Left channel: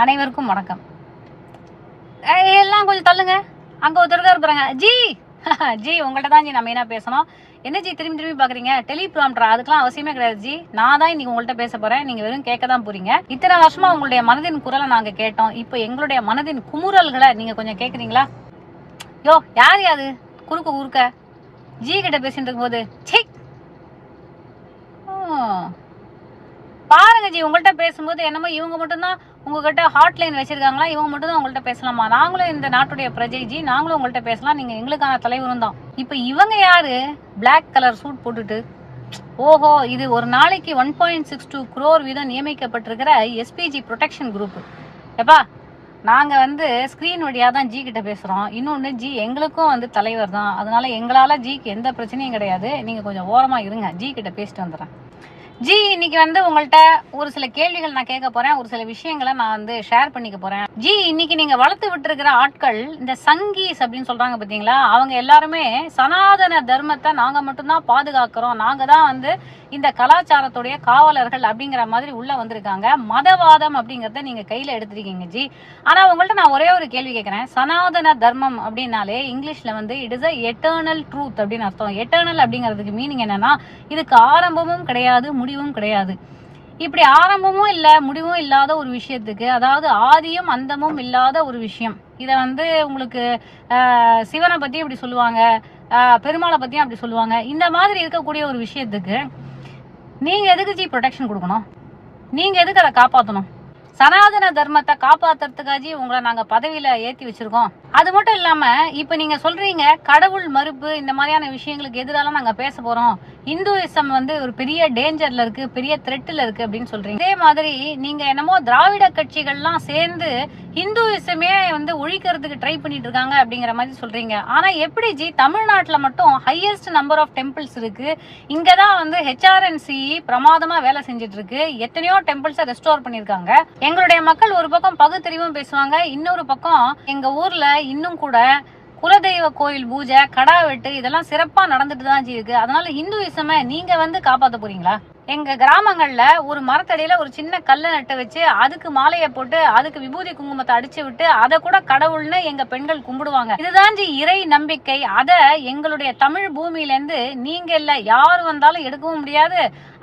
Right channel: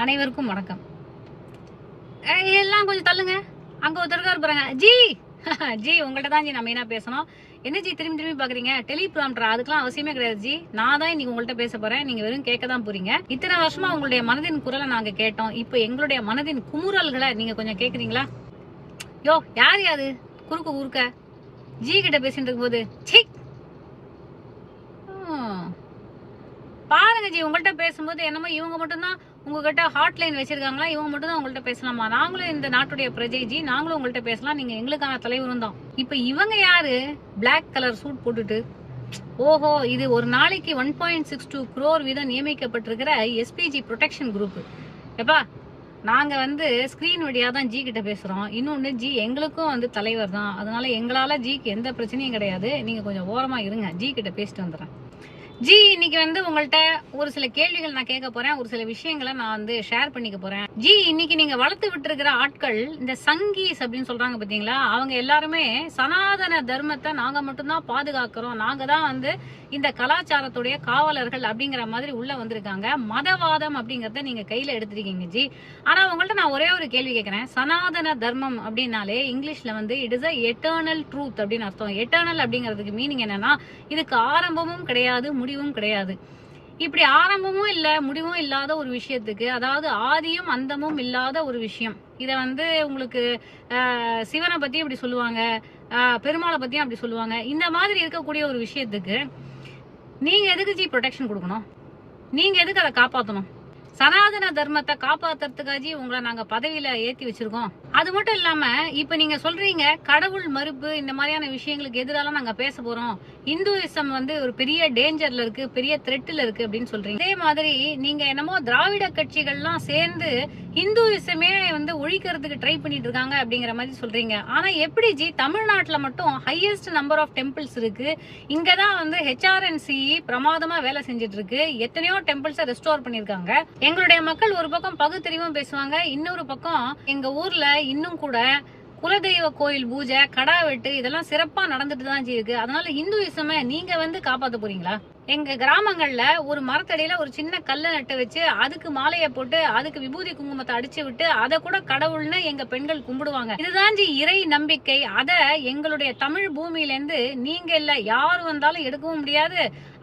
அனைவருக்கும் வணக்கம். எல்லாம் கொஞ்சம் தள்ளுங்க. அங்க ஒருத்தர் இருக்காரு இருக்கிறாங்க. ஜி ஜி உங்கள்ட்ட தான் ஜி நான் மெயினா பேசணும்? என்ன ஜி திரும்பி திரும்பி பாக்குறீங்க? டெலிபிராம்டரா? அதுக்கெல்லாம் அவசியமே கிடையாது ஜி. நான் தான் இன்னைக்கு உங்கள்ட்ட பேச போறேன். நீங்க வெறும் கேட்க தான் போறீங்க. இத்தனை வருஷமா உங்களுடைய மனதின் குரலை நாங்க கேட்டோம். இப்போ எங்களுடைய மனதின் குமுறல்களை நீங்க கொஞ்சம் கேக்குறீங்களா? யோ யார் யாரு குறுக்க குறுக்க ஜி கிட்ட பேசிட்டு போது சீ ஓ. பாருங்க ஜி உங்கள்ட்ட பேசும்போது என்னமோ இவங்க மட்டும்தான் உங்ககிட்ட ஹாட்லைன் வச்சிருக்காங்களா? இவங்க மட்டும் தான் உங்கள்ட்ட பேசலாமா? நாங்களும் இந்த நாட்டுடைய பிரஜை ஜி நாங்களும் உங்கள்ட்ட பேசலாம். நீங்க எங்களுக்கான தலைவரும் தான். இப்ப இவங்க யாரு? பிளாக் கலர் சூட் போட்டுட்டு. ஓஹோ இது ஒரு நாளைக்கு one point six two crore வீதம் நியமிக்கப்பட்டிருக்கிற எஸ்பிஜி ப்ரொடெக்ஷன் குரூப் எப்பா நாங்க வந்து ஸ்கிரீன் வழியா தான் ஜி கிட்ட பேசுறோம். இன்னொன்னு ஜி எங்களுக்கும் வந்து தலைவர் தான். அதனால எங்களால ஜிக்கு எந்த பிரச்சனையும் கிடையாது. நீங்க கொஞ்சம் ஓரமா இருங்க. ஜி கிட்ட பேசிட்டு வந்துடுறேன். ஜி இன்னைக்கு வந்து உங்கள்ட்ட ஒரு சில கேள்விகள் நான் கேட்க போறேன். ஒரு சில விஷயங்களை நான் வந்து ஷேர் பண்ணிக்க போறேன். ஜி இன்னைக்கு நீங்க வளர்த்து விட்டுருக்கிற ஆட்கள் இந்த சங்கீஸ் அப்படின்னு சொல்றாங்க பாத்தீங்களா? அவங்க எல்லாருமே சனாதன தர்மத்தை நாங்க மட்டும்தான் பாதுகாக்கிறோம். நாங்க தான் வந்து இந்த கலாச்சாரத்துடைய காவலர்கள் அப்படிங்கிற மாதிரி உள்ள வந்திருக்காங்க. மதவாதம் அப்படிங்கறத நீங்க கையில எடுத்திருக்கீங்க ஜி. ஆனா உங்கள்ட்ட நான் ஒரே ஒரு கேள்வி கேட்கறேன். சனாதன தர்மம் அப்படின்னாலே இங்கிலீஷ்ல வந்து it is a eternal truth அப்படின்னு அர்த்தம். எட்டர்னல் அப்படிங்கிறதுக்கு மீனிங் என்னன்னா இதுக்கு ஆரம்பமும் கிடையாது முடி முடிவும் கிடையாது. இப்படி ஆரம்பமும் இல்ல முடிவும் இல்லாத ஒரு விஷயத்துக்கு அதாவது ஆதியும் அந்தமும் இல்லாத ஒரு விஷயம். இத வந்து உங்களுக்கு ஆஹ், சிவனை பத்தி இப்படி சொல்லுவாங்க பெருமாளை பத்தியும் அப்படி சொல்லுவாங்க. இந்த மாதிரி இருக்கக்கூடிய ஒரு விஷயத்துக்கு நீங்க எதுக்கு ஜி ப்ரொடெக்ஷன் கொடுக்கணும்? நீங்க எதுக்கு அதை காப்பாத்தணும்? சனாதன தர்மத்தை காப்பாத்துறதுக்காஜி உங்களை நாங்க பதவியில ஏத்தி வச்சிருக்கோம். அது மட்டும் இல்லாம இப்ப நீங்க சொல்றீங்க கடவுள் மறுப்பு இந்த மாதிரியான விஷயங்களுக்கு எதிரால நாங்க பேச போறோம். இந்துவிசம் வந்து ஒரு பெரிய டேஞ்சர்ல இருக்கு பெரிய த்ரெட்ல இருக்கு அப்படின்னு சொல்றீங்க. இதே மாதிரி நீங்க என்னமோ திராவிட கட்சிகள்லாம் சேர்ந்து ஹிந்துவிசமே வந்து ஒழிக்கிறதுக்கு ட்ரை பண்ணிட்டு இருக்காங்க அப்படிங்கிற மாதிரி சொல்றீங்க. ஆனா எப்படி ஜி? தமிழ்நாட்டுல மட்டும் ஹையஸ்ட் நம்பர் ஆஃப் டெம்பிள்ஸ் இருக்கு. இங்கதான் வந்து ஹெச்ஆர்என்சி பிரமாதமா வேலை செஞ்சுட்டு இருக்கு எத்தனையோ டெம்பிள்ஸை ரெஸ்டோர் பண்ணிருக்காங்க. எங்களுடைய மக்கள் ஒரு பக்கம் பகுத்தறிவும் பேசுவாங்க இன்னொரு பக்கம் எங்க ஊர்ல இன்னும் கூட குலதெய்வ கோயில் பூஜை கடா வெட்டு இதெல்லாம் சிறப்பா நடந்துட்டு தான் ஜி இருக்கு. அதனால ஹிந்துயிசம நீங்க வந்து காப்பாத்த போறீங்களா? எங்க கிராமங்கள்ல ஒரு மரத்தடியில ஒரு சின்ன கல்லை நட்டு வச்சு அதுக்கு மாலையை போட்டு அதுக்கு விபூதி குங்குமத்தை அடிச்சு விட்டு அதை கூட கடவுள்னு எங்க பெண்கள் கும்பிடுவாங்க. இதுதான் ஜி இறை நம்பிக்கை. அத எங்களுடைய தமிழ் பூமியில இருந்து நீங்க இல்ல யார் வந்தாலும் எடுக்கவும் முடியாது.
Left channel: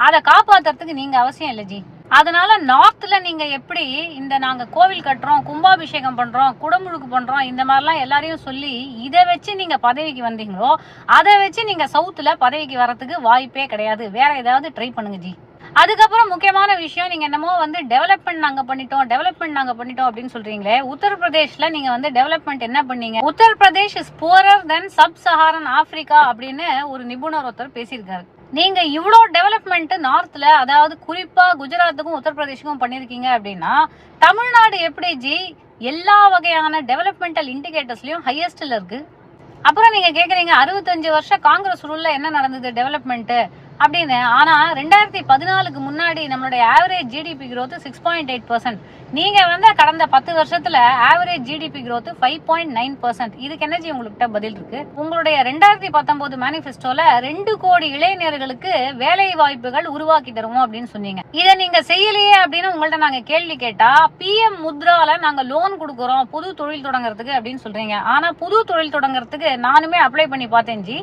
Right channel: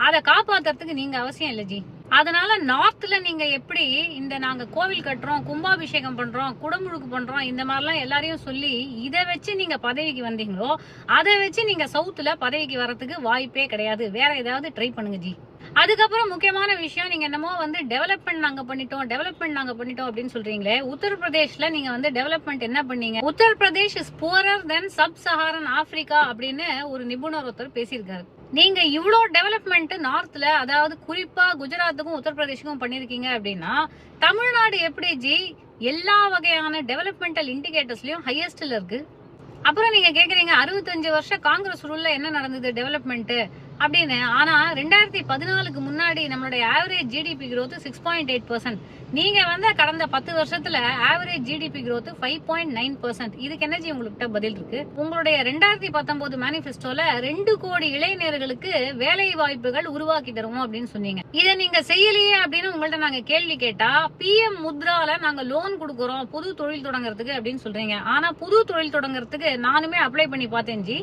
அதை காப்பாத்துறதுக்கு நீங்க அவசியம் இல்ல ஜி. அதனால நார்த்ல நீங்க எப்படி இந்த நாங்க கோவில் கட்டுறோம் கும்பாபிஷேகம் பண்றோம் குடமுழுக்கு பண்றோம் இந்த மாதிரிலாம் எல்லாரையும் சொல்லி இதை வச்சு நீங்க பதவிக்கு வந்தீங்களோ அதை வச்சு நீங்க சவுத்துல பதவிக்கு வரதுக்கு வாய்ப்பே கிடையாது. வேற ஏதாவது ட்ரை பண்ணுங்க ஜி. அதுக்கப்புறம் முக்கியமான விஷயம் நீங்க என்னமோ வந்து டெவலப்மெண்ட் நாங்க பண்ணிட்டோம் டெவலப்மெண்ட் நாங்க பண்ணிட்டோம் அப்படின்னு சொல்றீங்களே உத்தரப்பிரதேஷ்ல நீங்க வந்து டெவலப்மெண்ட் என்ன பண்ணீங்க? Uttar Pradesh is poorer than sub Saharan Africa அப்படின்னு ஒரு நிபுணர் ஒருத்தர் பேசியிருக்காரு. நீங்க இவ்வளோ டெவலப்மெண்ட் நார்த்ல அதாவது குறிப்பா குஜராத்துக்கும் உத்தரப்பிரதேஷுக்கும் பண்ணிருக்கீங்க அப்படின்னா தமிழ்நாடு எப்படி ஜி? எல்லா வகையான டெவலப்மெண்டல் இண்டிகேட்டர்ஸ்லயும் ஹையஸ்ட்ல இருக்கு. அப்புறம் நீங்க கேக்குறீங்க அறுபத்தஞ்சு வருஷம் காங்கிரஸ் ரூல்ல என்ன நடந்தது டெவலப்மெண்ட் அப்படின்னு. ஆனா ரெண்டாயிரத்தி பதினாலுக்கு முன்னாடி நம்மளுடைய average GDP growth six point eight percent நீங்க வந்து கடந்த பத்து வருஷத்துல average GDP growth five point nine percent இதுக்கு என்ன உங்கள்கிட்ட பதில் இருக்கு. உங்களுடைய ரெண்டாயிரத்தி பத்தொன்பது மேனிபெஸ்டோல ரெண்டு கோடி இளைஞர்களுக்கு வேலை வாய்ப்புகள் உருவாக்கி தருவோம் அப்படின்னு சொன்னீங்க. இதை நீங்க செய்யலையே அப்படின்னு உங்கள்ட்ட நாங்க கேள்வி கேட்டா பிஎம் முத்ரால நாங்க லோன் கொடுக்குறோம் புது தொழில் தொடங்குறதுக்கு அப்படின்னு சொல்றீங்க. ஆனா புது தொழில் தொடங்குறதுக்கு நானுமே அப்ளை பண்ணி பார்த்தேன் ஜி.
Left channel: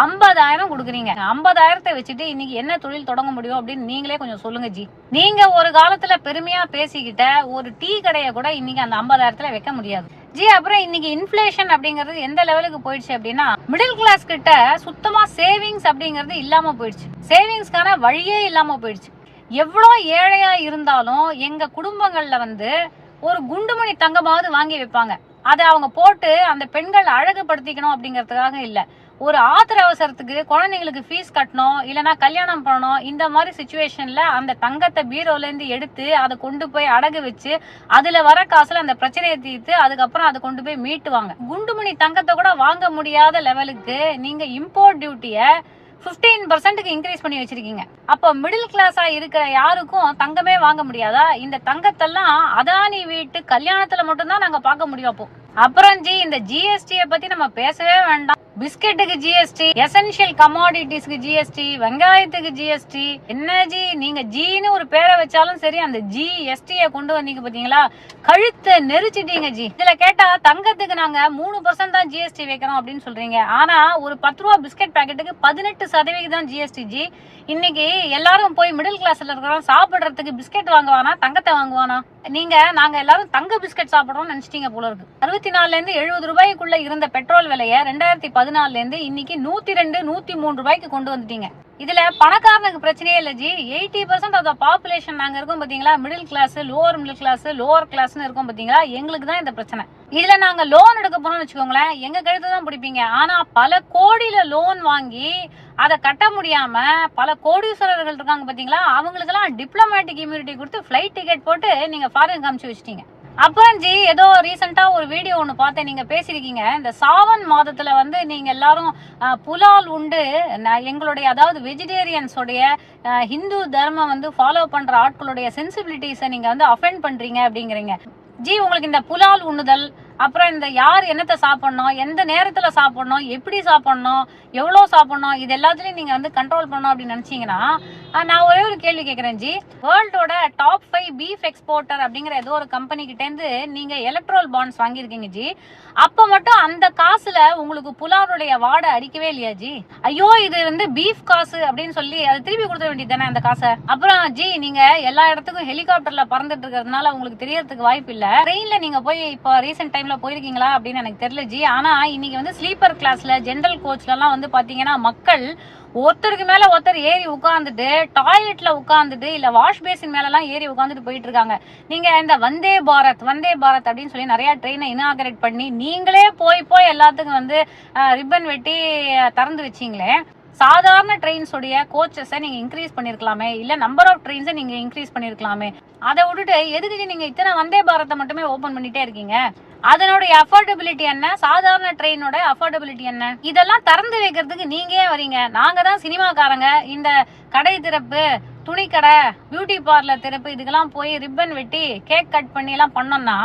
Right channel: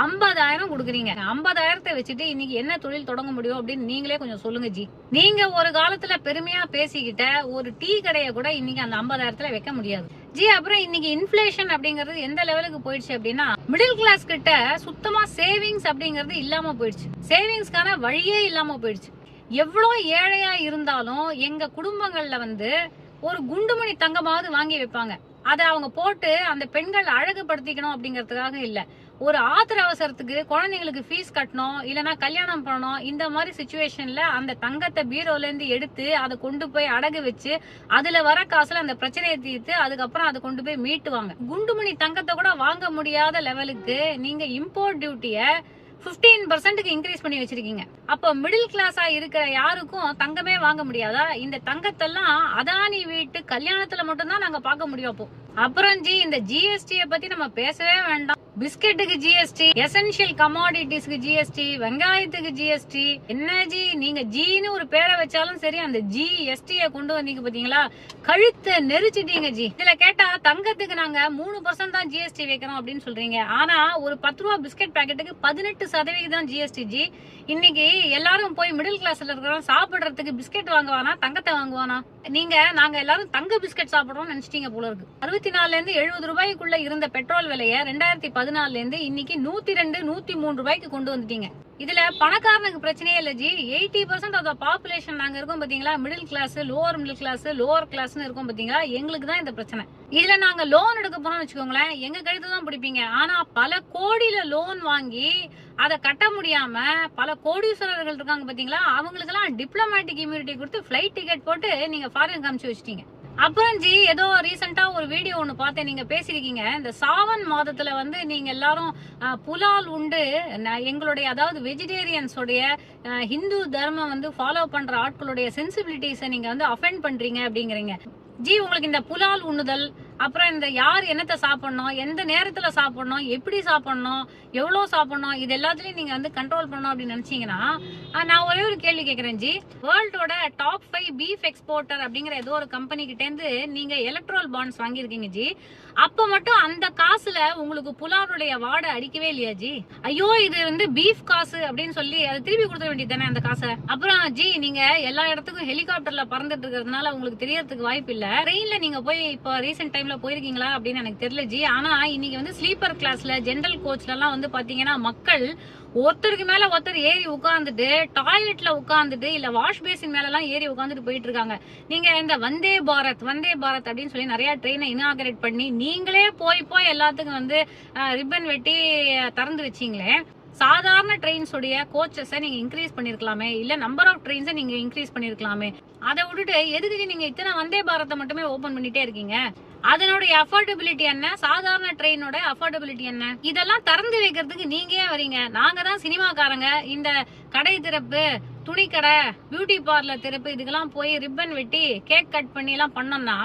ஐம்பதாயிரம் கொடுக்குறீங்க. ஐம்பதாயிரத்தை வச்சுட்டு இன்னைக்கு என்ன தொழில் தொடங்க முடியும் அப்படின்னு நீங்களே கொஞ்சம் சொல்லுங்க ஜி. நீங்க ஒரு காலத்துல பெருமையா பேசிக்கிட்ட ஒரு டீ கடையை கூட இன்னைக்கு அந்த ஐம்பதாயிரத்துல வைக்க முடியாது. ஜி அப்புறம் இன்னைக்கு இன்ஃபிளேஷன் அப்படிங்கிறது எந்த லெவலுக்கு போயிடுச்சு அப்படின்னா மிடில் கிளாஸ் கிட்ட சுத்தமா சேவிங்ஸ் அப்படிங்கிறது இல்லாம போயிடுச்சு. சேவிங்ஸ்க்கான வழியே இல்லாம போயிடுச்சு. எவ்வளவு ஏழையா இருந்தாலும் எங்க குடும்பங்கள்ல வந்து ஒரு குண்டுமணி தங்கமாவது வாங்கி வைப்பாங்க. அதை அவங்க போட்டு அந்த பெண்கள் அழகுபடுத்திக்கணும் அப்படிங்கறதுக்காக இல்ல. ஒரு ஆத்திர அவசரத்துக்கு குழந்தைங்களுக்கு ஃபீஸ் கட்டணும் இல்லனா கல்யாணம் பண்ணணும் இந்த மாதிரி சுச்சுவேஷன்ல அந்த தங்கத்தை பீரோல இருந்து எடுத்து அதை கொண்டு போய் அடகு வச்சு அதுல வர காசுல அந்த பிரச்சனையை தீர்த்து அதுக்கப்புறம் அதை கொண்டு போய் மீட்டுவாங்க. குண்டுமணி தங்கத்தை கூட வாங்க முடியாத லெவலுக்கு நீங்க இம்போர்ட் டியூட்டிய 15% பர்சன்ட்டுக்கு இன்க்ரீஸ் பண்ணி வச்சிருக்கீங்க. அப்போ மிடில் கிளாஸா இருக்கிற யாருக்கும் தங்கமே வாங்க முடியாதா? இந்த தங்கத்தெல்லாம் அதானி வீட்டு கல்யாணத்துல மட்டும்தான் நாங்க பார்க்க முடியும் அப்போ. அப்புறம் ஜி இந்த ஜிஎஸ்டியை பத்தி நம்ம பேசவே வேண்டாம். பிஸ்கெட்டுக்கு ஜிஎஸ்டி எசென்ஷியல் கமாடிட்டிஸ்க்கு ஜிஎஸ்டி வெங்காயத்துக்கு ஜிஎஸ்டி என்ன ஜி நீங்க ஜின்னு ஒரு பேரை வச்சாலும் சரி அந்த ஜிஎஸ்டிய கொண்டு வந்தீங்க பாத்தீங்களா? கழுத்தை நெரிச்சிட்டீங்க ஜி இதுல கேட்டா தங்கத்துக்கு நாங்க மூணு பர்சன்ட் தான் ஜிஎஸ்டி வைக்கிறோம் அப்படின்னு சொல்றீங்க. ஆனா ஒரு பத்து ரூபா பிஸ்கெட் பாக்கெட்டுக்கு பதினெட்டு சதவீதம் ஜிஎஸ்டி ஜி இன்னைக்கு எல்லாரும் போய் மிடில் கிளாஸ்ல இருக்கிறோம் சாப்பிடுறதுக்கு பிஸ்கெட் வாங்குவானா தங்கத்தை வாங்குவானா? நீங்க நாங்க எல்லாரும் தங்க பிஸ்கெட் சாப்பிடறோம்னு நினைச்சிட்டீங்க போல இருக்கு. அறுபத்தி நாலுல இருந்து எழுபது ரூபாய்க்குள்ள இருந்த பெட்ரோல் விலையை ரெண்டாயிரத்தி பதினாலுல இருந்து இன்னைக்கு நூத்தி ரெண்டு நூத்தி மூணு ரூபாய்க்கு கொண்டு வந்துட்டீங்க. இதுல பணக்காரனுக்கு பிரச்சனையே இல்ல ji. Eighty percent of the population நாங்க இருக்கோம் பாத்தீங்களா? Middle class lower middle class lower கிளாஸ்னு இருக்கோம் பாத்தீங்களா? எங்களுக்கு தான் இந்த பிரச்சனை. இதுல நாங்க லோன் எடுக்க போறோம்னு வச்சுக்கோங்களேன் எங்க கழுத்து தான் பிடிப்பீங்க. ஆனா பல கோடியில லோன் வாங்கி அதை கட்ட முடியாம பல கோடீஸ்வரர்கள் இருக்காங்க பாத்தீங்களா? அவங்களுக்கு எல்லாம் டிப்ளமேட்டிக் இம்யூனிட்டி கொடுத்து பிளைட் டிக்கெட் போட்டு நீங்க ஃபாரின் காமிச்சு வச்சிட்டீங்க. அப்புறம் ஜி ஏதோ ரீசெண்டா ஒரு வீடியோ ஒண்ணு பார்த்தேன். நீங்க பேசிருக்கீங்க இந்த சாவன் மாதத்துல வந்து நீங்க எல்லாரும் புலால் உண்டு. எங்களுடைய அதாவது வெஜிடேரியன்ஸ் உடைய ஹிந்து தர்மம் வந்து ஃபாலோ பண்ற ஆட்களுடைய சென்சிபிலிட்டிஸை நீங்க வந்து அஃபெண்ட் பண்றீங்க அப்படிங்கிறீங்க. ஜி உங்களுக்கு இந்த புலால் உண்ணுதல் அப்புறம் இந்த யார் என்னத்தை சாப்பிடணும் எந்த நேரத்துல சாப்பிடணும் எப்படி சாப்பிடணும் எவ்வளவு சாப்பிடணும் இது எல்லாத்துலயும் நீங்க வந்து கண்ட்ரோல் பண்ணணும் அப்படின்னு நினைச்சீங்கன்னா நான் ஒரே ஒரு கேள்வி கேட்குறேன் ஜி. வேர்ல்டோட டாப் ஃபைவ் பீஃப் எக்ஸ்போர்ட்டர் அப்படிங்கிற ஏதோ ஒரு கம்பெனி கிட்ட இருந்து நீங்க எலக்ட்ரல் பாண்ட்ஸ் வாங்கியிருக்கீங்க ஜி. அப்ப மட்டும் அந்த காசுல உங்களுக்கு புலாவுடைய வாடை அடிக்கவே இல்லையா ஜி? ஐயோ இது வந்து பீஃப் காசு அப்படின்னு சொல்லி அதை திருப்பி கொடுத்துட வேண்டியது தானே அந்த காசை? அப்புறம் ஜி நீங்க எல்லா இடத்துக்கும் ஹெலிகாப்டர்ல பறந்துட்டு இருக்கிறதுனால உங்களுக்கு தெரியறதுக்கு வாய்ப்பு இல்ல. ட்ரெயின்ல நீங்க போய் இப்போ ரீசெண்ட் டைம்ல போயிருக்கீங்களா அப்படின்னு எனக்கு தெரியல ஜி. ஆனா இன்னைக்கு வந்து ஸ்லீப்பர் கிளாஸ்ல ஜென்ரல் கோச்லலாம் வந்து பாத்தீங்கன்னா மக்கள் ஒருத்தருக்கு மேல ஒருத்தர் ஏறி உட்காந்துட்டு டாய்லெட்ல உட்காந்துட்டு இல்ல வாஷ் பேசின் மேல எல்லாம் ஏறி உட்காந்துட்டு போயிட்டு இருக்காங்க நீங்க இந்த வந்தே பாரத் வந்தே பாரத் அப்படின்னு சொல்லி நிறைய ட்ரெயினை இனாகரேட் பண்ணி நீங்களே போய் போய் எல்லாத்துக்கும் வந்து ரிப்பன் வெட்டி திறந்து வச்சீங்களே சாதாரண ட்ரெயின்ஸுடைய கோச்சஸை நீங்க இன்க்ரீஸ் பண்ணிருக்கலாமே இல்ல நம்பர் ஆஃப் ட்ரெயின்ஸை நீங்க இன்க்ரீஸ் பண்ணிருக்கலாமே. அதை விட்டுட்டு எதுக்கு நீங்க இத்தனை வந்தே பாரத்தை மட்டுமே ஓபன் பண்ணிட்டே இருக்கீங்க? அதனுடைய அஃபோர்டபிலிட்டி என்ன? சாதாரண ட்ரெயினோட அஃபோர்டபிலிட்டி என்ன? இதெல்லாம் திறந்து வைக்கிறதுக்கு நீங்க ஏன் வரீங்க? நாங்க தான் சினிமாக்காரங்க. இந்த கடை திறப்பு துணிக்கடை பியூட்டி பார்லர் திறப்பு இதுக்கெல்லாம் போய் ரிப்பன் வெட்டி கேக் கட் பண்ணி எல்லாம் பண்ணோம்னா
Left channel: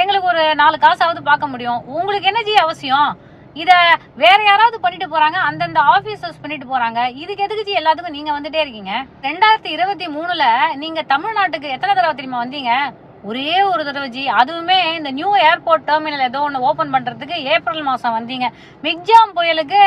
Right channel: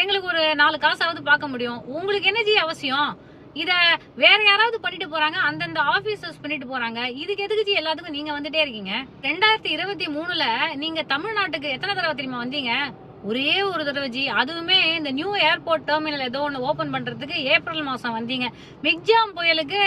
எங்களுக்கு ஒரு நாலு காசாவது பார்க்க முடியும். உங்களுக்கு என்ன ஜி அவசியம்? இத வேற யாராவது பண்ணிட்டு போறாங்க அந்தந்த ஆபீசர்ஸ் பண்ணிட்டு போறாங்க. இதுக்கு எதுக்கு ஜி எல்லாத்துக்கும் நீங்க வந்துட்டே இருக்கீங்க? ரெண்டாயிரத்தி இருபத்தி மூணுல நீங்க தமிழ்நாட்டுக்கு எத்தனை தடவை தெரியுமா வந்தீங்க? ஒரே ஒரு தடவை ஜி. அதுவுமே இந்த நியூ ஏர்போர்ட் டெர்மினல் ஏதோ ஒன்று ஓபன் பண்றதுக்கு ஏப்ரல் மாசம் வந்தீங்க. மிக்ஜாம் புயலுக்கு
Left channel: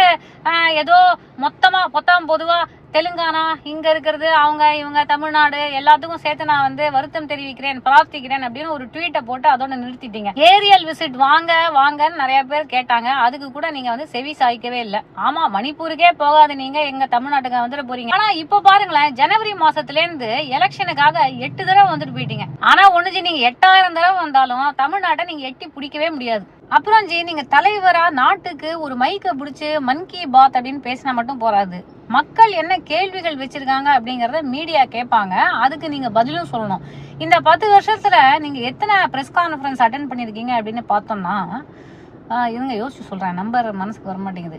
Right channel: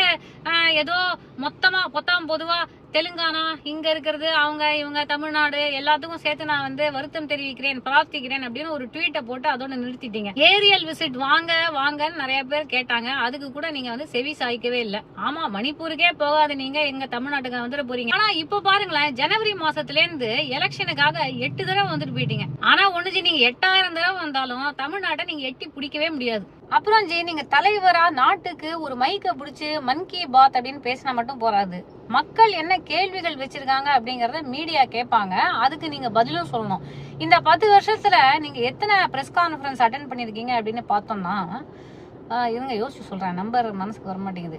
ஏதோ மொத்தமா பொத்தாம் பொதுவா தெலுங்கானா இங்க இருக்கிறது அவங்க இவங்க தமிழ்நாடு எல்லாத்துக்கும் சேர்த்து நான் வந்து வருத்தம் தெரிவிக்கிறேன் பிரார்த்திக்கிறேன் அப்படின்னு ஒரு ட்வீட்டை போட்டு அதோட நிறுத்திட்டீங்க. ஏரியல் விசிட் வாங்க வாங்கன்னு நிறைய பேர் கேட்டாங்க. அதுக்கு கூட நீங்க வந்து செவி சாய்க்கவே இல்லை. ஆமா மணிப்பூருக்கே போகாது நீங்க எங்க தமிழ்நாட்டுக்கு வந்துட போறீங்க. ஆனா இப்ப பாருங்களேன் ஜனவரி மாசத்துல இருந்து எலெக்ஷனுக்காக எட்டு தடவை வந்துட்டு போயிட்டீங்க. ஆனா ஒண்ணுச்சு நீங்க எட்டாயிரம் தடவை வந்தாலும் தமிழ்நாட்டை நீங்க எட்டி பிடிக்கவே முடியாது. அப்புறம் ஜி நீங்க தலைவரா நாட்டுக்கு ஒரு மைக்கை பிடிச்சி மன் கி பாத் அப்படின்னு பேசினா மட்டும் போறாது. மக்கள் என்ன கேள்விகள் வச்சிருக்காங்க அப்படிங்கறத மீடியா கேட்பாங்க. அதுக்கு நீங்க பதிலும் சொல்லணும். இந்த பத்து வருஷத்துல நீங்க எத்தனை பிரஸ் கான்ஃபரன்ஸ் அட்டன் பண்ணிருக்கீங்க அப்படின்னு பார்த்தோம்னா இருங்க யோசிச்சு சொல்றேன். நம்பர் மனசுக்கு வர மாட்டேங்குது.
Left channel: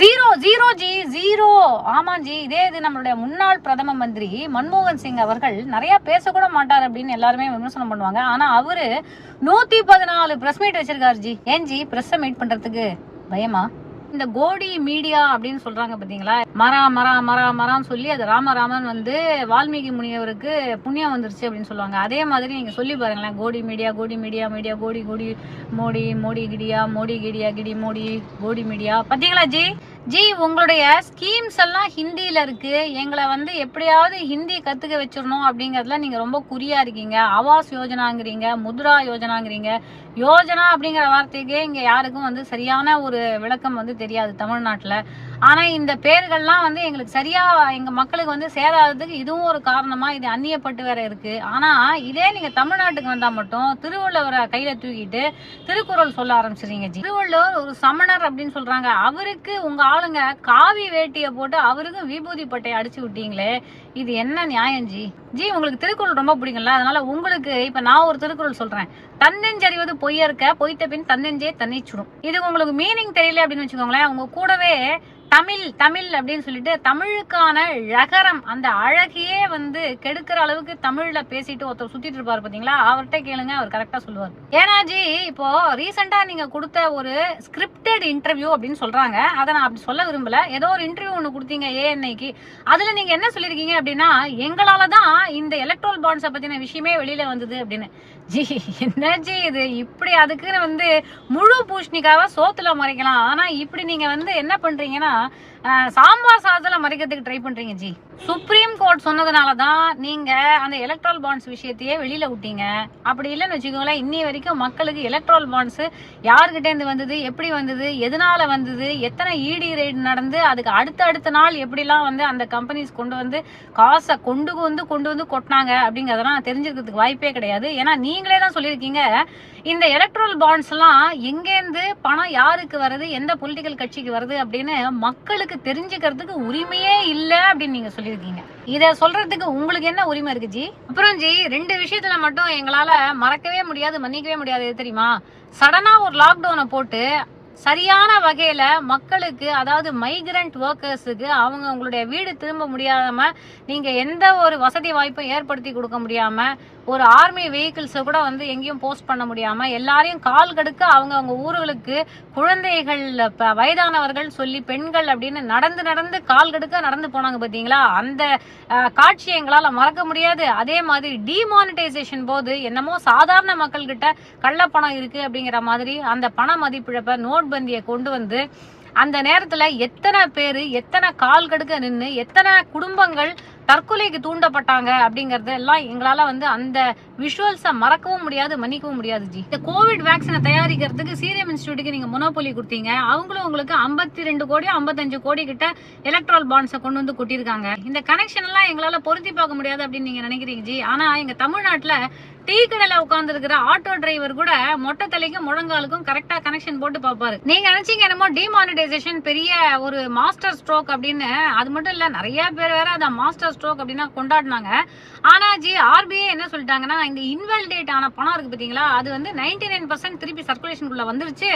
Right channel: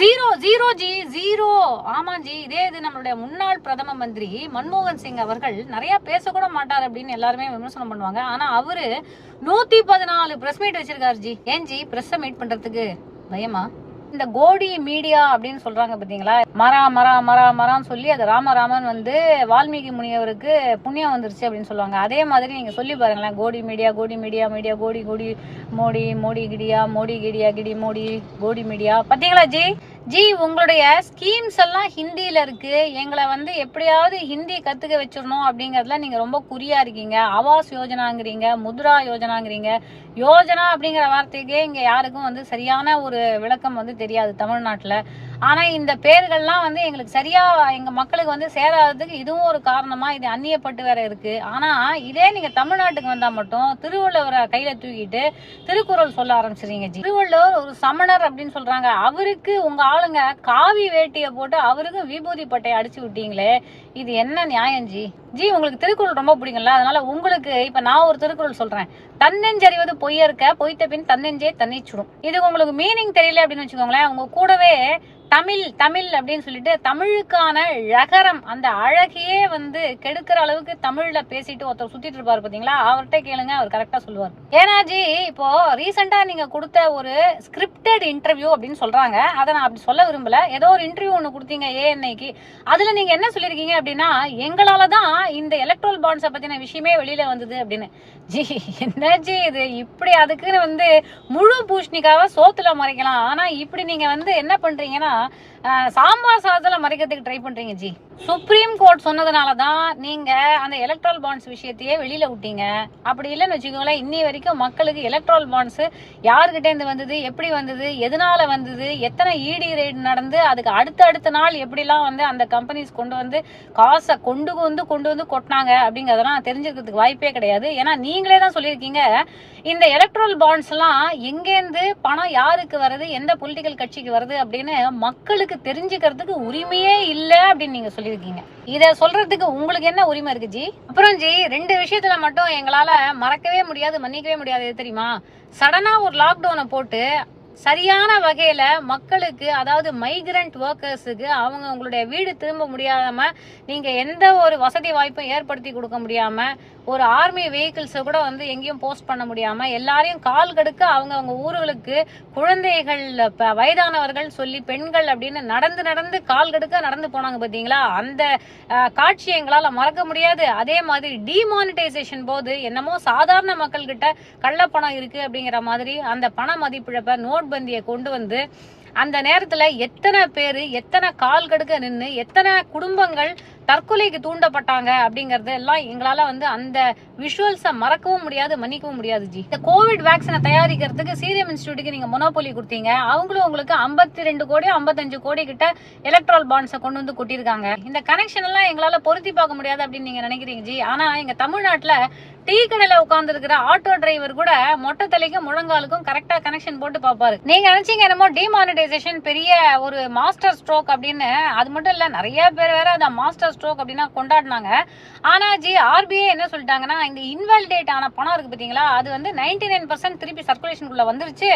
Zero zero G zero. ஆமா ஜி. இதே இது நம்மளுடைய முன்னாள் பிரதம மந்திரி மன்மோகன் சிங் அவர்கள் நிறைய பேசக்கூட மாட்டார் அப்படின்னு எல்லாருமே விமர்சனம் பண்ணுவாங்க. ஆனா அவரு நூத்தி பதினாலு பிரஸ் மீட் வச்சிருக்காரு ஜி. ஏன் ஜி? பிரஸ் மீட் பண்றதுக்கு பயமா? இந்த கோடி மீடியா அப்படின்னு சொல்றாங்க பாத்தீங்களா? மரா மரா மரா மரான்னு சொல்லி அது ராமராமன் வந்து வால்மீகி முனியவருக்கு புண்ணியம் வந்துருச்சு அப்படின்னு சொல்லுவாங்க. அதே மாதிரி நீங்க சொல்லி பாருங்களேன் கோடி மீடியா கோடி மீடியா மீடியா கோடி கோடி மோடி மோடி கிடியா மோடி கிடியா கிடி மோடி கோடி மீடியா. பாத்தீங்களா ஜி? ஜி உங்களுடைய ஸ்கீம்ஸ் எல்லாம் ஹிந்தியில் இருக்கு. எங்களை வந்து எப்படியாவது ஹிந்தி கத்துக்க வச்சிடணும் அப்படிங்கறதுல நீங்க ரொம்ப குறியா இருக்கீங்க. ஆவாஸ் யோஜனாங்கிறீங்க முத்ரா யோஜனாங்கிறீங்க. யோஜனா அப்படிங்கிற வார்த்தைக்கே இங்க யாருக்கும் வந்து சரியான ஒரு விளக்கம் வந்து தெரியாது தமிழ்நாட்டுல. ஆனா இந்த பேர்கள்லாம் வந்து எங்களுக்கு சரியா எங்க மக்களுக்கு வந்து சேராததுக்கு இதுவும் ஒரு காரணமா இது அந்நியப்பட்டு வேற இருக்கு. ஆனா இதே நீங்க தமிழ்நாட்டுக்கு வந்தா மட்டும் திருவள்ளுவரை கையில தூக்கிட்டு திருக்குறள் சொல்ல ஆரம்பிச்சிருங்க திருவள்ளுவர் ஒரு சமணர் அப்படின்னு சொல்றாங்க. அவருக்கு உங்க ஆளுங்க காவி வேட்டியை போட்டு அவருக்கு விபூதி பட்டையை அடிச்சு விட்டீங்களே. இது என்ன நியாயம் ஜி? ஜி உங்களுக்கு திருக்குறள் ரொம்ப பிடிக்கும்ல அதனால உங்களுக்கு இப்ப நான் ஒரு திருக்குறள் சொல்றேன். தன்னெஞ்சறிவது பொய்யற்க பொய்த்த பின் தன்னெஞ்சே தன்னை சுடும் இது உங்களுக்கு மீனிங் தெரியல அப்படின்னு வச்சுக்கோங்களேன் உங்க கூடவே தமிழ் தமிழ் அப்படின்னு சொல்லிட்டு தமிழுக்கான ழகரம் அந்த அழகையே வந்து கெடுக்கிற அளவுக்கு தமிழ்ல பேசிட்டு ஒருத்தர் சுத்திட்டு இருப்பாரு பாத்தீங்களா அவர்கிட்ட கேளுங்க அவர் கரெக்டா சொல்லுவார். ஏன்னா ஜி இப்போ ரீசெண்டா நீங்க கொடுத்த ஒரு ஸ்கிரிப்டட் இன்டர்வியூ அப்படின்னு சொல்றாங்க அதை நான் அப்படி சொல்ல விரும்பல. ஏதோ ஒரு இன்டர்வியூ ஒன்று கொடுத்தீங்க ஏஎன்ஐக்கு அதுல நீங்க என்ன சொல்லிருக்கீங்க அப்படின்னா எங்களால தான் இந்த எலக்ட்ரல் பாண்ட்ஸை பத்தின விஷயமே வெளியில வந்தது அப்படின்னு. ஜி என்ன ஜி இது? இப்படி அதுக்குன்னு வந்து முழு பூஷணிக்காக சோத்துல மறைக்கலாம். ஆனா இப்படி நீங்க வந்து என்ன பண்றீங்கன்னா சாம்பார் சாதத்தில் மறைக்கிறதுக்கு ட்ரை பண்றீங்க ஜி. சுப்ரீம் கோர்ட் சொன்னதுனால தான் நீங்க அந்த எலக்ட்ரல் பாண்ட்ஸ் விஷயத்தையே வெளியில விட்டீங்க. அப்படி இல்லைன்னு வச்சுக்கோங்களேன் இன்னி வரைக்கும் மக்களுக்கு எலக்ட்ரல் பாண்ட்ஸ் யாருக்கிட்ட இருந்து வந்தது எப்படி வந்தது எதனால வந்தது எத்தனை இடி ரேட் நடந்து அதுக்கு அடுத்த அடுத்த நாள் எப்படிலாம் வந்து அந்த கம்பெனிஸ் கொண்டு வந்து காசை கொண்டு வந்து கொண்டு வந்து கொட்டினாங்க அப்படிங்கிறதெல்லாம் தெரிஞ்சுக்கிறதுக்கு வாய்ப்பே கிடையாது. ஏன்னா நீங்களே தான் சொல்லியிருக்கீங்க இந்த எலக்ட்ரல் பாண்ட்ஸ் எல்லாம் எங்கேருந்து பணம் யாருக்கு வருது எந்த பொலிட்டிக்கல் கட்சிக்கு வருது அப்படின்னு மக்களுக்கு தெரிஞ்சுக்கிறதுக்கு உரிமையே இல்ல அப்படின்னு நீங்க சொல்லியிருக்கீங்க. இத சொல்றதுக்கு உங்களுக்கு என்ன உரிமை இருக்கு ஜி? அப்புறம் ஜி ரெண்டு விஷயத்துல மட்டும் எங்களால மறக்கவே முடியாது மன்னிக்கவே முடியாது தெரியுமா? சடனா ஒரு லாக்டவுனை போட்டு சரியான வகையில மக்களுக்கு அதாவது மைக்ரண்ட் ஒர்க்கர்ஸுக்கு அவங்க உங்களுடைய வீடு திரும்ப முடியாம நீங்க எந்த ஒரு வசதி வாய்ப்பும் ஏற்படுத்தி கொடுக்க முடியாம ஒரு ஆர்மி வெஹிக்கிள்ஸை கூட வந்து எங்கேயும் போஸ்ட் பண்ண முடியாமல் எல்லாரையும் கால் கடுக்க அவங்க அவங்க ஊர்களுக்கு குழந்தைகள் வயதானவர்கள் சொல்லி பெண்கள் அப்படின்னு நடந்து நடந்து கால் கடுக்க நடந்து போனாங்க பார்த்தீங்களா? அந்த காட்சி எங்களால் மறக்க முடியாது. அதே மாதிரி டிமானிட்டைசேஷன் போது என்னமோ சாதாரண மக்கள்கிட்ட கள்ளப்பணம் இருக்குது அப்படிங்கிற மாதிரி அந்த பண மதிப்பிழப்பை நோட்பந்தியை கொண்டு வந்து அந்த நேரத்துல எத்தனை பேரு எத்தனை கால் கடுக்க நின்று எத்தனை குடும்பங்கள் தற்கொலைக்கு தூண்டப்பட்டாங்க அப்படிங்கறது எல்லாம் எங்களால வந்து அந்த விஷுவல்ஸை மறக்கவும் முடியாது மன்னிக்கவும் முடியாது ஜி. இந்த கோவிட் வேக்சினை தயாரிக்கிறதுக்கு சீரம் இன்ஸ்டியூட்டுக்கு நீங்க மொனோபோலி கொடுத்தீங்க. அவங்களும் உங்களுக்கு 52 ரெண்டு கோடி 55 கோடி கிட்ட எலக்ட்ரல் பாண்ட்ஸை கொண்டு வந்து கொட்டியிருக்காங்க. இந்த கனெக்ஷன் எல்லாம் எங்களால பொருத்தி பார்க்க முடியாது அப்படின்னு நீங்க நினைக்கிறீங்க ஜி. ஆனா எங்க தமிழ்நாட்டுல டீ கடையில உட்கார்ந்து இருக்கிற ஆட்டோ டிரைவர் கூட மொட்டை தலைக்கும் முழங்காலுக்கும் கரெக்டா கனெக்ஷன் போட்டு பாப்பாரு நீங்க நினைச்சீங்க என்னமோ டிமானிட்டைசேஷன் பெரிய ஒரு மாஸ்டர் ஸ்ட்ரோக் அப்படின்னு. அது மட்டும் இல்ல நிறைய பேர் வேற அதை மாஸ்டர் ஸ்ட்ரோக் அப்படின்னா கொண்டாடினாங்க. ஆனா ஜி ஆர்பிஐ என்ன சொல்லிட்டாங்கன்னா இந்த இன்வாலிடேட் ஆன பணம் இருக்கு பாத்தீங்களா? அது வந்து 99% நைன் பர்சன்ட் திருப்பி சர்க்குலேஷனுக்குள்ள வந்துருச்சு.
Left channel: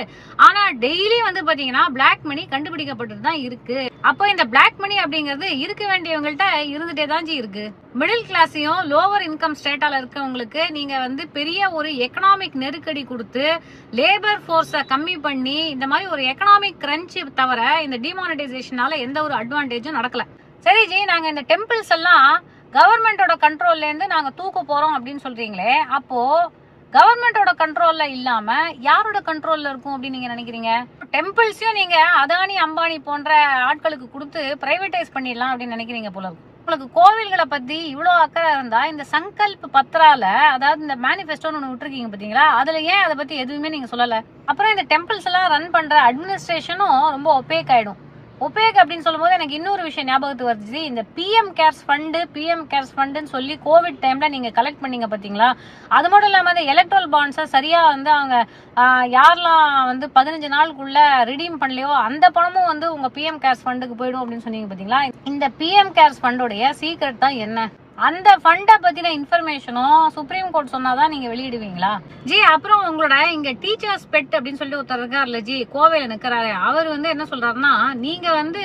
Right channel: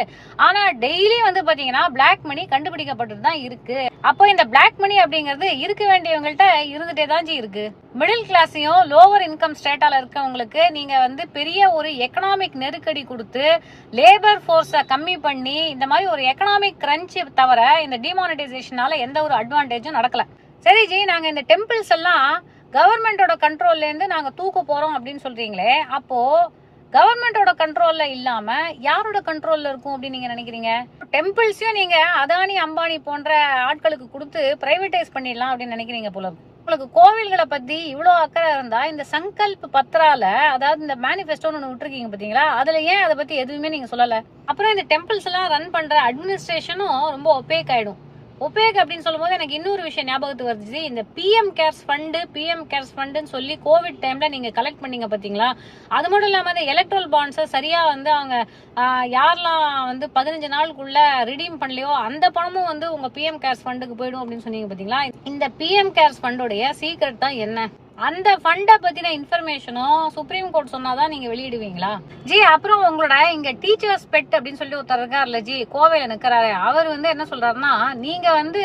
ஆனா டெய்லி வந்து பாத்தீங்கன்னா பிளாக் மணி கண்டுபிடிக்கப்பட்டு தான் இருக்கு. அப்போ இந்த பிளாக் மணி அப்படிங்கிறது இருக்க வேண்டியவங்கள்ட்ட இருந்துட்டே தான் ஜி இருக்கு. மிடில் கிளாஸையும் லோவர் இன்கம் ஸ்டேட்டால இருக்கவங்களுக்கு நீங்க வந்து பெரிய ஒரு எக்கனாமிக் நெருக்கடி கொடுத்து லேபர் ஃபோர்ஸை கம்மி பண்ணி இந்த மாதிரி ஒரு எக்கனாமிக் கிரன்ச் தவிர இந்த டிமானிட்டைசேஷனால எந்த ஒரு அட்வான்டேஜும் நடக்கல. சரி ஜி நாங்க இந்த டெம்பிள்ஸ் எல்லாம் கவர்மெண்டோட கண்ட்ரோல்லேருந்து நாங்கள் தூக்க போகிறோம் அப்படின்னு சொல்கிறீங்களே அப்போது கவர்மெண்டோட கண்ட்ரோலில் இல்லாமல் யாரோட கண்ட்ரோலில் இருக்கும் அப்படின்னு நீங்கள் நினைக்கிறீங்க? டெம்பிள்ஸையும் நீங்கள் அதானி அம்பானி போன்ற ஆட்களுக்கு கொடுத்து ப்ரைவேட்டைஸ் பண்ணிடலாம் அப்படின்னு நினைக்கிறீங்க போல உங்களுக்கு கோவில்களை பற்றி இவ்வளோ அக்கறை இருந்தால் இந்த சங்கல்ப் பத்ரால அதாவது இந்த மேனிஃபெஸ்டோன்னு ஒன்று விட்டுருக்கீங்க பார்த்தீங்களா அதில் ஏன் அதை பற்றி எதுவுமே நீங்கள் சொல்லலை? அப்புறம் இந்த டெம்பிள்ஸ் எல்லாம் ரன் பண்ணுற அட்மினிஸ்ட்ரேஷனும் ரொம்ப ஒப்பேக் ஆகிடும் ஒபேக் அப்படின்னு சொல்லும்போது எனக்கு இன்னொரு விஷயம் ஞாபகத்துக்கு வருது. இந்த PM cares fund PM cares ஃபண்டுன்னு சொல்லி கோவிட் டைம்ல நீங்க கலெக்ட் பண்ணீங்க பாத்தீங்களா? அது மட்டும் இல்லாம இந்த எலக்ட்ரல் பாண்ட்ஸை சரியா வந்து அவங்க யாரெல்லாம் வந்து பதினஞ்சு நாளுக்குள்ள ரிடீம் பண்ணலையோ அந்த பணமும் வந்து உங்க பிஎம் கேர்ஸ் ஃபண்டுக்கு போயிடும் அப்படின்னு சொன்னீங்க பாத்தீங்களா? இந்த பிஎம் கேர்ஸ் ஃபண்டோடைய சீக்ரெட் தான் என்ன? அந்த ஃபண்டை பத்தின இன்ஃபர்மேஷனும் சுப்ரீம் கோர்ட் சொன்னாதான் நீங்க வெளியிடுவீங்களா? ஜி அப்புறம் உங்களோட இங்க டீச்சர்ஸ் பெட் அப்படின்னு சொல்லி ஒருத்தர் இருக்காருல்ல ஜி கோவையில நிக்கிறாரு. அவர் வந்து என்ன சொல்றாருன்னா நீங்க வந்து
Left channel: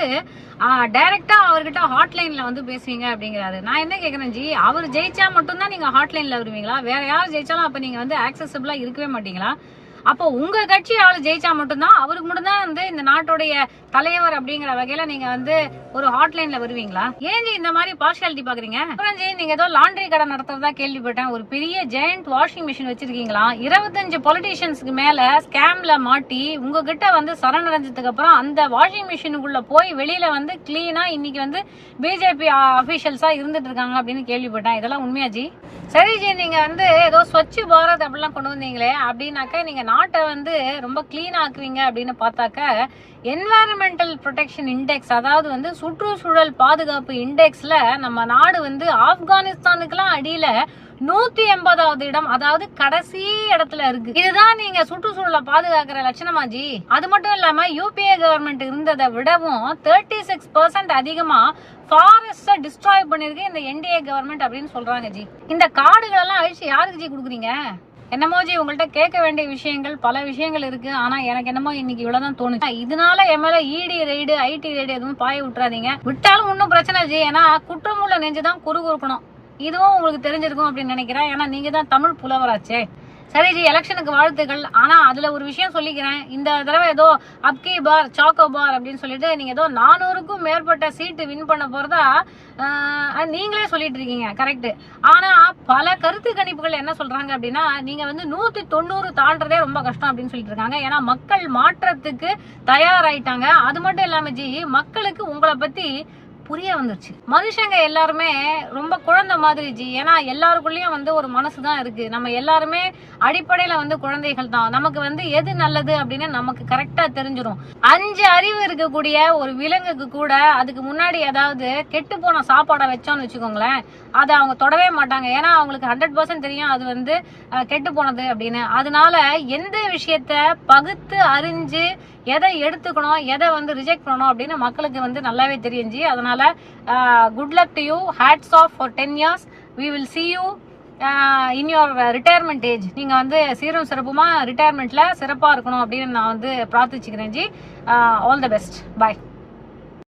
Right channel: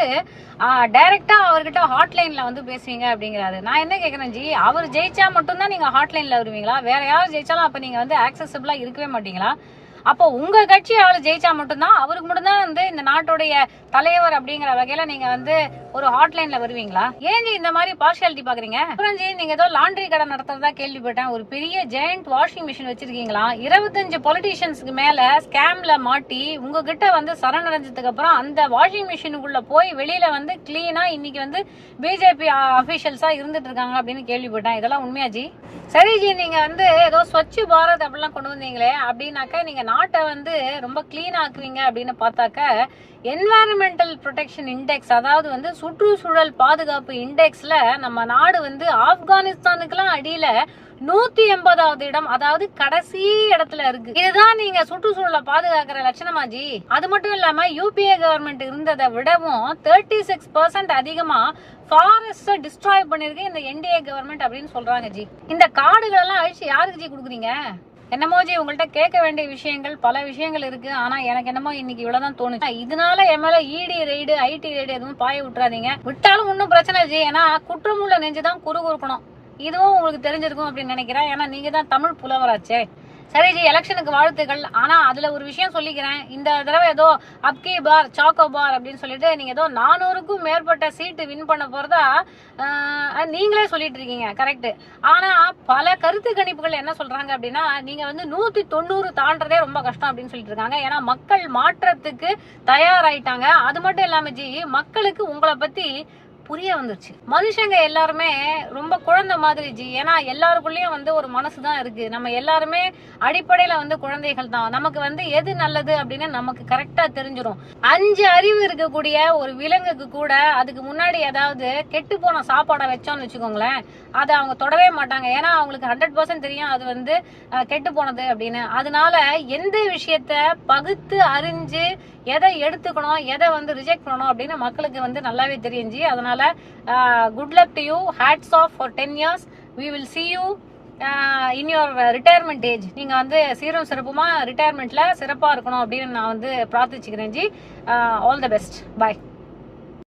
டைரக்டா அவர்கிட்ட ஹாட்லைன்ல வந்து பேசுவீங்க அப்படிங்கிறாரு. நான் என்ன கேக்குறேன் ஜி அவர் ஜெயிச்சா மட்டும்தான் நீங்க ஹாட்லைன்ல வருவீங்களா? வேற யார் ஜெயிச்சாலும் அப்ப நீங்க வந்து ஆக்சசபிளா இருக்கவே மாட்டீங்களா? அப்போ உங்க கட்சி ஆளு ஜெயிச்சா மட்டும்தான் அவருக்கு மட்டும்தான் வந்து இந்த நாட்டுடைய தலைவர் அப்படிங்கிற வகையில நீங்க வந்து ஒரு ஹாட்லைன்ல வருவீங்களா? ஏங்க இந்த மாதிரி பார்ஷியாலிட்டி பாக்குறீங்க? அப்புறம் நீங்க ஏதோ லாண்ட்ரி கடை நடத்துறதா கேள்விப்பட்டேன். ஒரு பெரிய ஜெயண்ட் வாஷிங் மிஷின் வச்சிருக்கீங்களா? இருபத்தஞ்சு பொலிட்டீஷியன்ஸ்க்கு மேல ஸ்கேம்ல மாட்டி உங்ககிட்ட வந்து சரணடைஞ்சதுக்கு அப்புறம் அந்த வாஷிங் மிஷினுக்குள்ள போய் வெளியில வந்து கிளீனா இன்னைக்கு வந்து பிஜேபி அபிஷியல்ஸா இருந்துட்டு இருக்காங்க அப்படின்னு கேள்விப்பட்டேன். இதெல்லாம் உண்மையா ஜி? சரி ஜி நீங்க வந்து ஏதோ ஸ்வச் பாரத் அப்படிலாம் கொண்டு வந்தீங்களே அப்படின்னாக்கா நீங்க நாட்டை வந்து ரொம்ப கிளீன் ஆக்குறீங்க அப்படின்னு பார்த்தாக்க என்வாயரன்மெண்டல் ப்ரொடெக்ஷன் இண்டெக்ஸ் அதாவது வந்து சுற்றுச்சூழல் பாதுகாப்பு இண்டெக்ஸ்ல நம்ம நாடு வந்து ஆப்கானிஸ்தானுக்குலாம் அடியில நூத்தி எண்பதாவது இடம் அதாவது கடைசி இடத்துல இருக்கு. இதுதான் நீங்க சுற்றுச்சூழலை பாதுகாக்கிற லட்சணமா ஜி? அது மட்டும் இல்லாம யூபிஏ கவர்மெண்ட் இருந்ததை விடவும் தேர்ட்டி சிக்ஸ் பர்சன்ட் அதிகமா ஃபாரஸ்ட டிஸ்ட்ராய் பண்ணிருக்கு இந்த என்டிஏ கவர்மெண்ட் அப்படின்னு சொல்றாங்க ஜி. இந்த காடுகள் எல்லாம் அழிச்சு யாருக்கு ஜி குடுக்குறீங்க? என்னமோ ஜி உங்கள்ட்ட கேட்க வேண்டிய விஷயங்கள் பல விஷயங்கள் இருக்கு. ஆனா எனக்கு என்னமோ இன்னைக்கு இவ்வளவுதான் தோணுச்சு. இதனால என் மேல இடி ரைடு ஐடி ரைடு எதுவும் பாய விட்டுறாதீங்க. விட்டாலும் ஒன்றும் பிரச்சனை ஜி. ஏன்னா குற்றமுள்ள நெஞ்சுதான் குறுகுறுக்கணும். இதுவும் உங்களுக்கு தெரிஞ்சிருக்கும் அப்படின்னு நினைக்கிறேன். ஏன்னா நீங்க தான் தமிழ் புலவராச்சே. சரி ஜி எலெக்ஷனுக்கு வாழ்த்துக்கள். ஆனா அதுல ஒரு விஷயம் சொல்லிக்கிறேன். இந்த தடவை ஏதோ அப்கி பார் சாக்கோ பார் அப்படின்னு சொல்லிட்டு நீங்க ஏதோ நானூறுக்கும் மேற்பட்ட சீட்டு வின் பண்ண போறதா நீங்களே சொல்லிட்டு இருக்கீங்க. கரெக்ட் ஆனா பல கருத்து கணிப்புகள் என்ன சொல்றாங்க அப்படின்னா நீங்க வந்து நூத்தி தொண்ணூறு தாண்டதே ரொம்ப கஷ்டம் அப்படின்னு சொல்லிட்டு இருக்காங்க. ஏன்னா மக்கள் மாற்றத்துக்கு தயாராயிட்டாங்க. அது மட்டும் இல்லாம ஜி மக்களுக்கு உங்களை பத்தி புரிய வந்துருச்சு. மனுஷங்க எல்லாருமே ரொம்ப குழந்தை மாதிரி ஜி ஏன்னா எல்லாருக்குள்ளயும் வந்து ஒரு மனசு தான் இருக்கு. நம்ம எல்லாருமே அடிப்படையில வந்து குழந்தைகள் தான். நமக்கு வந்து எது நல்லது அப்படின்னு நமக்கு கரெக்டா தெரிஞ்சிடும் அஞ்சு அறிவு இருக்கக்கூடிய ஒரு விலங்குக்கு கூட அதுக்கு முன்னாடி ஏதாவது கெட்டு போன சாப்பாடை வச்சோம்னு வச்சுக்கோங்களேன் அதை அவங்க தொடவே மாட்டாங்க. ஏன்னா அவங்களுக்கு ஹண்ட்ரட் பர்சன்ட் தெரியும் அது வந்து கெட்டு போனது அப்படின்னு. அதனால எந்த விஷயத்த பகுத்து அறிஞ்சு எதை எடுத்துக்கணும் எதை வந்து ரிஜெக்ட் பண்ணணும் அப்படின்னு மக்களுக்கு வந்து நல்லாவே தெரியுஞ்சி அதனால good luck to you hats off for ten years we will see you in your retirement age நீங்க வந்து சீரும் சிறப்புமா ரிட்டையர்மெண்ட்ல சிறப்பா இருக்கணும் அப்படின்னு நான் வந்து பிரார்த்திச்சுக்கிறேன் ji. All the best bye